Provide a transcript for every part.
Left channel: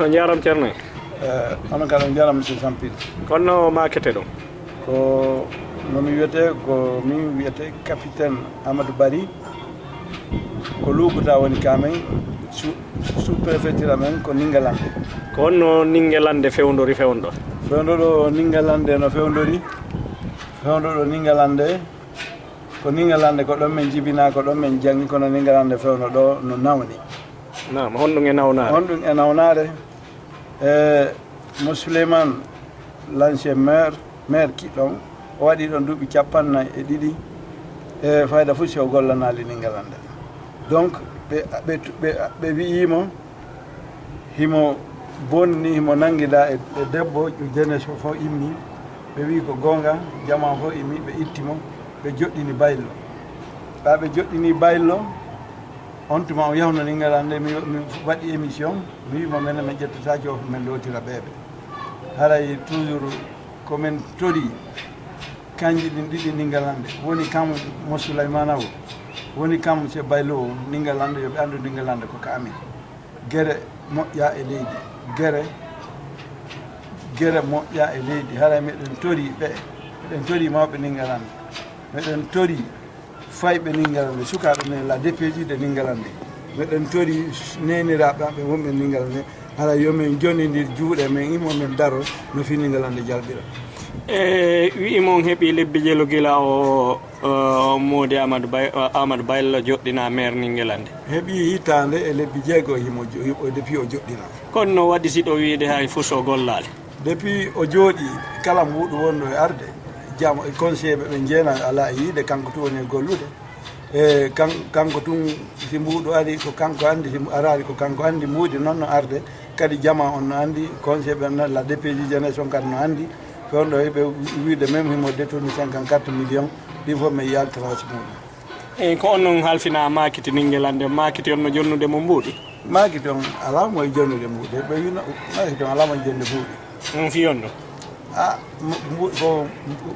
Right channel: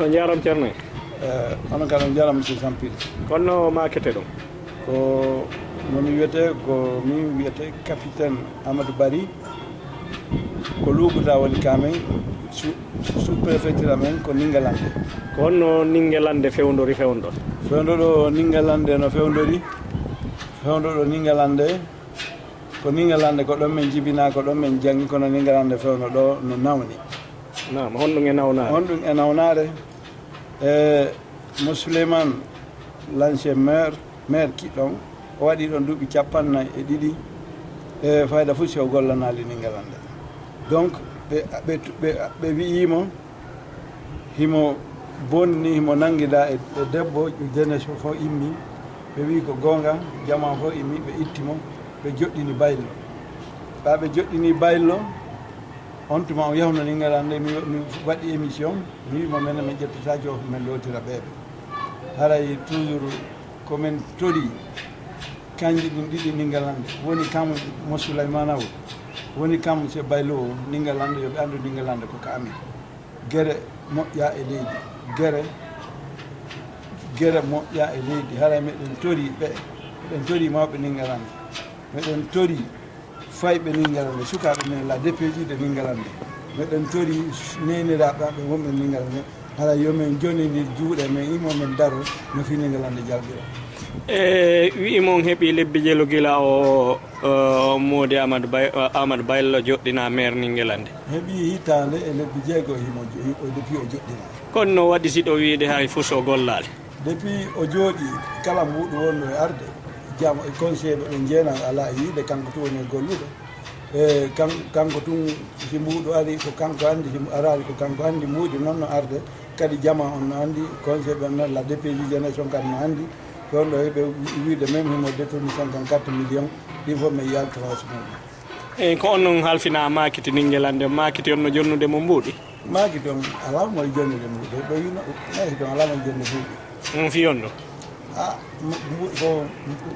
on jaram ceerno onon kala on jaram monsieur Sampil kono makete ɗum ko nomi wiyete ko min wiyete capitaine Amadou Bari ko Luukuta woni kamen sous préfecture amen ko Ningalande ko honno Ningalande fewndori fewndo fewndo Ningalande no fewndori fewndo Ningalande ko Ningalande ko ɗon men jibina ko ɗon men jangi kono Ningalande fewno ɗo no nawni nam honɗum e nawnare honɗum e nawnare mo Souleymane l'ancien maire kiɗɗon o waɗi ɗon duuɓi 42 e fayda fof si o gollanali Ningalande donc ɓe wi'imo himo bonni himo nanguida e debbo jeunesse o fof immi ɓe wi ko gonga jama fof immi ɓe ittimo ɓe joɗɗini baylo ɓe joɗɗini baylo on tuma o yahno Ningalande mi waɗi émission mi wimo minen min ƴettata o min lotira ɓeɓe haray toujours komin tori kanji ɗin ɗiɗi Ningalande woni kam mo Souleymane o woni kam se baylo o Ningalande yoɓe andu Ningalande ko ka amin guere moƴƴa e leydi guere moƴƴa e leydi haray meɗen tori ɓe meɗen tori mawɓe Ningalande meɗen tori fayɓe Ningalande sukaɓe men la DPJ de Ningalande meɗen tori neniraɓe wonɓe Ningalande haray yomin jonnidir juuɗe men imomin daro no fi Ningalande jalɓira wi'imon heeɓi lebbi jelo gila o Mody Amadou Baylo joɗɗina maire Ningalande heeɓi hitande e lebbi jeego himo depuis o joɗɗina kono no waɗi siɗo wiide hay fuu so gollade depuis o jooɗi kala muɗum wonno e arde jam conseil ɓe jeena ala e yiide kanko tun woni e gollude e kanko tun si mbuɗo ari ko kanko andi si arari ko kanko andi muudi noon no arde kadi jama on no andi conseil ɓe la DPJ jeunesse on kadi no andi toon ɗo heɓe wiide même himo détourne 54 millions ɗin fof mi yaltiraas muɗum eyyi ko on noon halfina makiti Ningalande makiti on no jonnude mo mbuuɗi makiti on ala moye jonnude mbuuɗi ɓe wino makiti on ala moye jonnude mbuuɗi on fiyon ɗum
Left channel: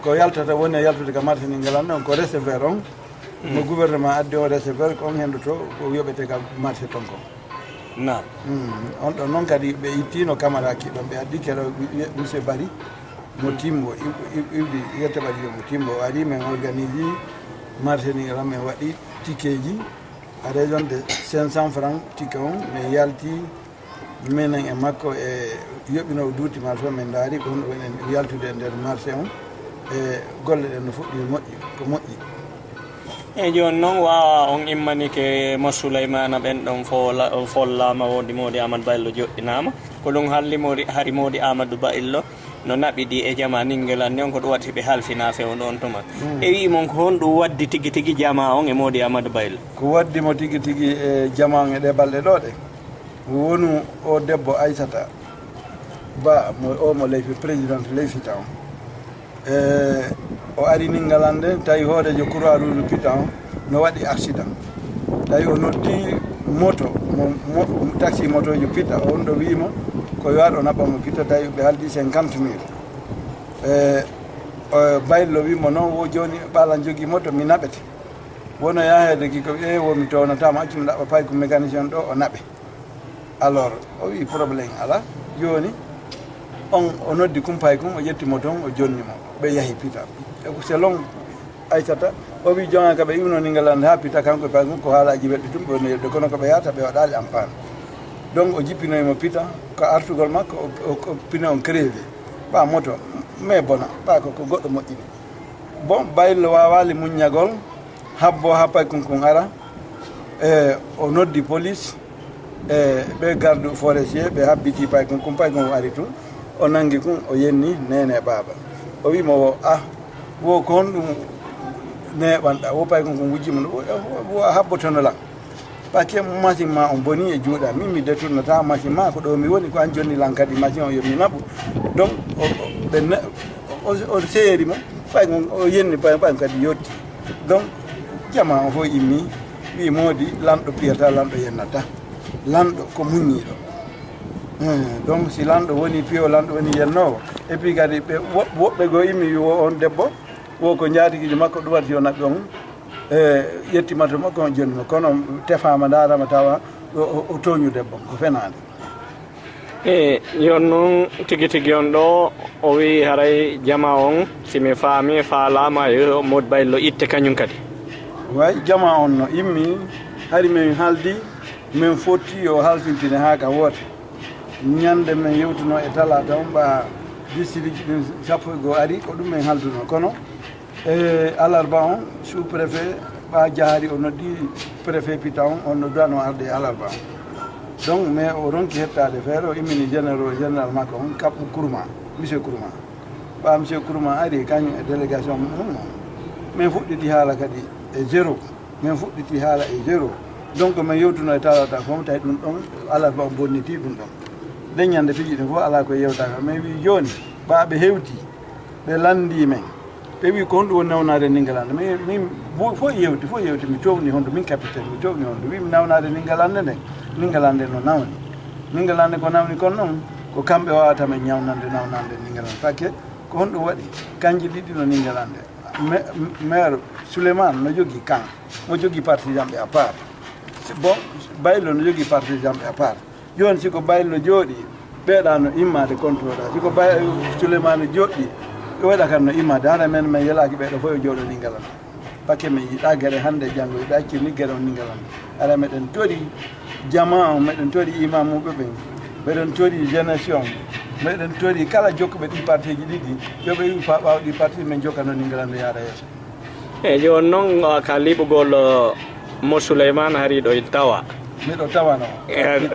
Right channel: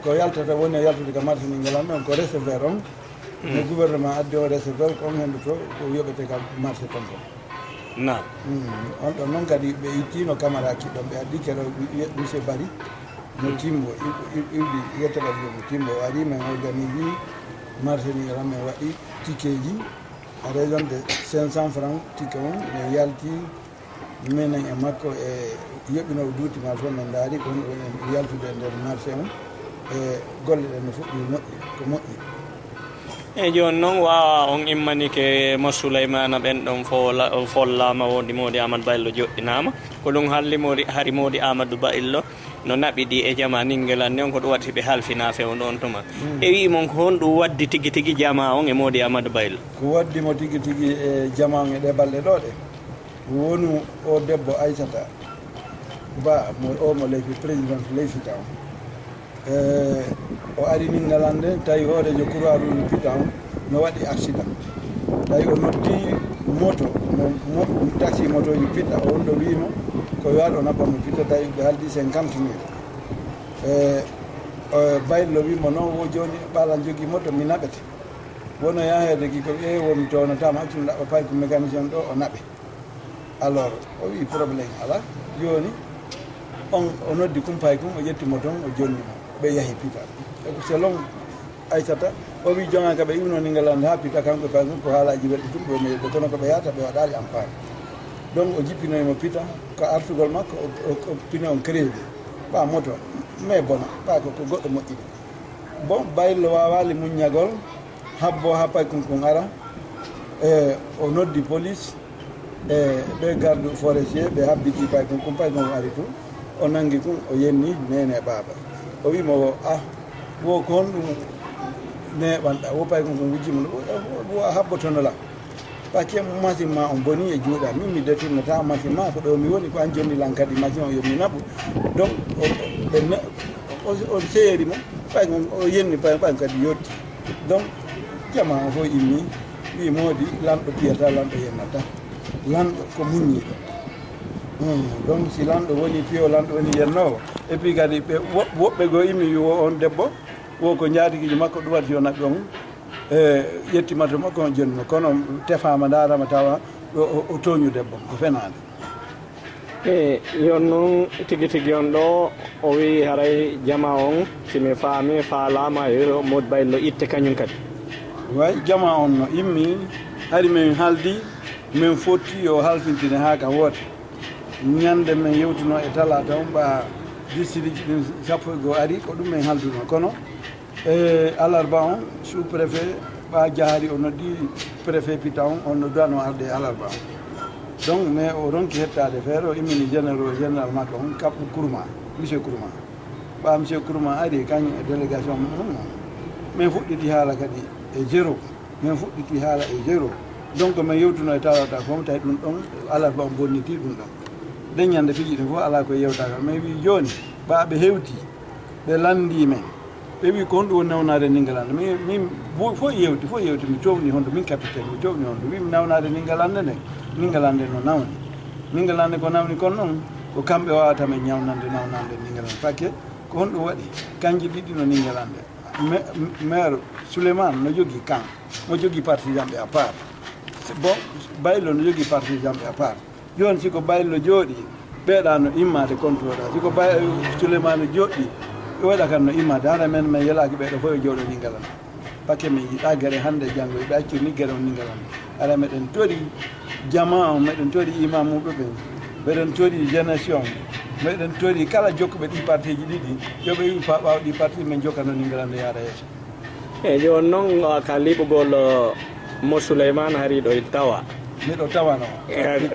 ko yaltata woni e yaltude ka marché Ningalande on ko réservaire on no gouvernement addi o réservaire ko on hendo to ko yoɓete ka marché ton ko nam on ɗon noon kadi ɓe ittino camara kiɗɗon ɓe addi keɗo monsieur Bari mo timbo iwdi yetta ɓaɗi mo timbo o ari min organise marché Ningalande min waɗi ticket ji à raison de 500 francs ticket on min yalti minen e makko e yoɓino duuti marché o min daari ko honɗo woni yaltude e nder marché on e golle ɗen no fuɗɗi moƴƴi ko moƴƴi eyyi joni noon wawa on immanike mo Souleymane ɓen ɗon follama wodi Mody Amadou Baylo joɗɗinama ko ɗum hari Mody Amadou Baylo no naɓiɗi e jama Ningalande on ko ɗum waɗi ɓe halfina fewno on tuma e wimon ko honɗum waddi tigui tigui jama on e Mody Amadou Baylo ko waddimo tigui tigui e jama on e ɗe balɗe ɗo ɗe wonu o debbo Aissata Ba mo leyfi présidente leyfita on o ari Ningalande tawi hoorejo Croix Rouge pita on no waɗi accident tawi o noddi moto taxi moto jo pita on ɗo wimo ko yo waɗ o naɓamo pita tawi ɓe haldi 50 000 Baylo wimo noon wo joni ɓalan jogui moto mi naɓete wono yahede gi ko womi townatama accumi ɗaɓa pay ko mécanicien ɗo o naɓe alors o wi probléme ala joni on o noddi kumpay kum o ƴettimo toon o jonnimo ɓe yahi pita selon Aissata o wi jonga ka ɓe iwno Ningalande ha pita kanko pay mum ko haalaji weɗɗi tum ɓe neɗɗo kono koɓe yahata ɓe waɗali ampane donc o jippinoyimo pita ko artugol makko o pine on crevé ɓa moto mais bona ɓa ko goɗɗo moƴƴini bon Baylo wawali muññagol habbo ha pay kun ara o noddi police ɓe garde forestier ɓe habbiti pay kun pay kon ari tun o nangi kun o yenni nene baba o wimo wo wo ko honɗum neɓanɗa wo pay kon wujjima wo a habbotono lan paque machine ma on boni e juuɗa min mi détournata machine ma ko ɗo mi woni ko an jonni lan kadi machine o yomi naɓu donc o seeri mo pay kon o yenni pay kadi yetti donc jama o fof immi wi Mody lanɗo piyata lanɗo yennata lanɗo ko muññiɗo donc si lanɗo woni piyo lanɗo woni yennowo et puis kadi ɓe woɓɓe goo immi wo on debbo wo ko jaatigiji makko ɗum waɗi yo naɓɓe on yettima to makko on jonnimo kono tefama darama tawa o toñu debbo ko fenade yon noon tigi tigi on ɗo o wi haray jama on simi faami faalama yo Modou Baylo itte kañum kadi way jama on no immi hari min haaldi min fotti yo haltintine haa ka woota ñande min yewtuno e talata on ɓa district ɗin 11 ari ko ɗum min halduno kono alarba on sous préfet ɓa jahari o noddi préfet pita on noddano arde alarba on donc mais o ronki hettade feere o immini général makko on kaɓɓo Kourma monsieur Kourma ɓa monsieur Kourma ari kañum e délégation mum min fuɗɗiti haala kadi e zéro min fuɗɗiti haala e zéro donc min yewtuno e talata fof tawi ɗum ɗon alarba o bonniti ɗum ɗon leññande piiji ɗin fof ala koye yewtaka mais wi joni ɓaɓe hewti ɓe landi men ɓe wi ko honɗum woni nawnade Ningalande min fof yewti mi cowni honto min capitaine mi cowni honto wimi nawnade Ningalande nde Ningalande no nawni Ningalande ko nawni kon noon ko kamɓe wawatamen ñawnande nawnande Ningalande par ce que ko honɗum waɗi kanji ɗiɗi no Ningalande maire Souleymane no jogui kan mo jogui partisan ɓe à part bon Baylo no jogui partisan ɓe à part joni siko Baylo jooɗi ɓeeɗa no immade contrôle siko Souleymane joɗɗi waɗa kam no immade hara men min yelaki ɓeɗo fof e jooɗo Ningalande par ce que min yiiɗa gueɗe hande e janggo ɓe accirni gueɗe on Ningalande ara meɗen tori jama on meɗen tori imamuɓe ɓen meɗen tori génération meɗen tori kala jokkuɓe ɗi parti ji ɗiɗi yoɓe wi fa ɓaw ɗi parti min jokkano Ningalande yaada yeeso joni noon ka liɓugol mo Souleymane hari ɗo tawa miɗo tawano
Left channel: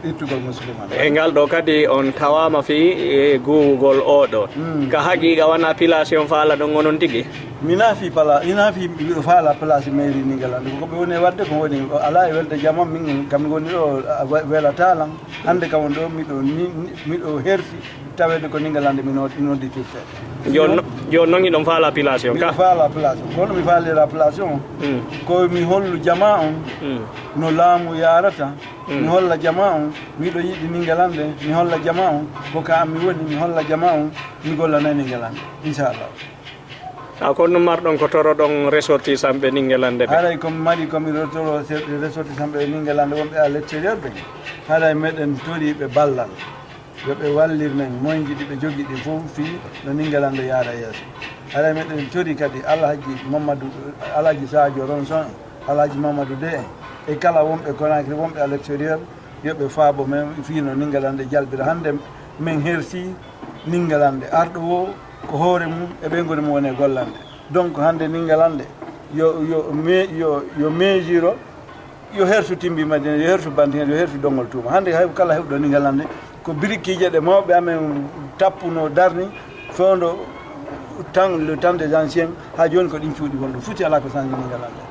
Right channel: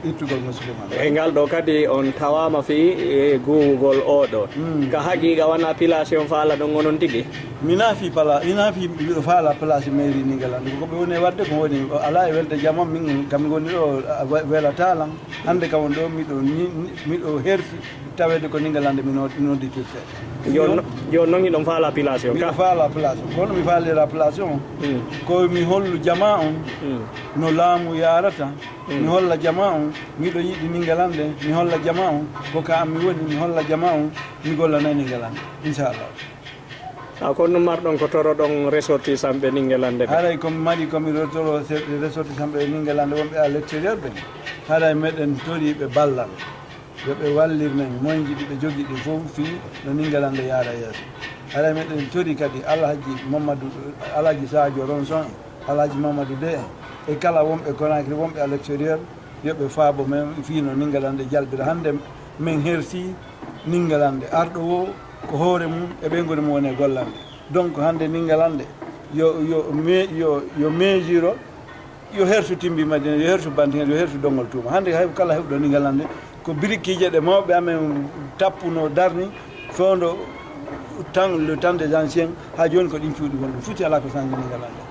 ittugol mo Souleymane e ngal ɗo kadi on tawama fi e gugol oɗo ka haqiqa wona pilation faala ɗon onon tigui mina fi mbiɗo faala place mairie Ningalande koɓe woni wadde ko woni ala e welde jamma min kam goni ɗo welatalan hande kam woni ɗo miɗo hersi tawede ko Ningalande mi nodditirte joni noon iɗon faala pilation ka faala pilation kono mi faalira pilation ko mi hollu jama on no laamu yarata mi holla jama on miɗo yiɗi Ningalande mi holla jama on ko ka am mi woni mi holla jama on mi gollana Ningalande inchallah kono ɗum marɗon ko toroɗon ressortissant ɓe Ningalande ɓe haray komi mari komi toro ressortissant ɓe Ningalande wonɓe à l'extérieur ɓe haray meɗen tori ɓe ballal yoɓe wallir men moyji ɗi ɓe jogui ɗi fof fi no Ningalande yaara yeeso haray meɗen tori kadi alhaji Sadio Ronson alhaji Mamadou De e kala wonɓe Conakry wonɓe à l'extérieur yoɓe faabo men fi no Ningalande jalɓira hande min hersi Ningalande arɗo o ko hoore mum e ɓe goni mum woni e gollande donc hande Ningalande yo mesure yo hertu timbi Madina yo hertu Bantingel yo hertu Dongol Touma hande hay kala hewɗo Ningalande ko briqueje ɗe mawɓe amen tappuno darni fewndo le temps des anciens ha joni ko ɗin cuuɗi wonɗum futi ala ko sanji Ningalande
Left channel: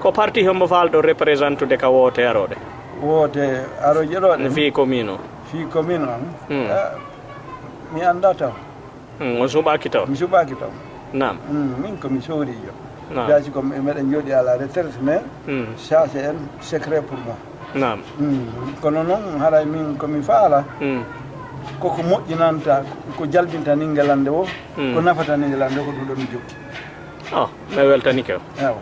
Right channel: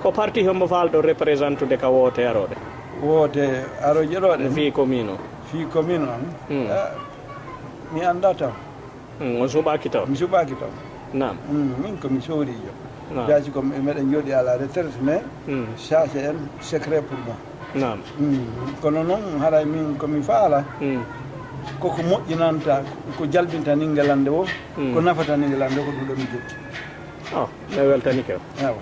ko parti hombo falɗo représentude ka woote aroɗe aroje ɗoɗe fi commune o mi anda taw on suɓaki taw mi suɓaki taw nam min komi sohrijo jaji ko meɗen jooɗi à la retraite mais ça c'est un secret pour moi nam kono noon haray min komi faala koko moƴƴinanta ko jalbinta Ningalande o ko nafata Ningalande o ko ɗum ɗo mi jokki mi weltanike o ewa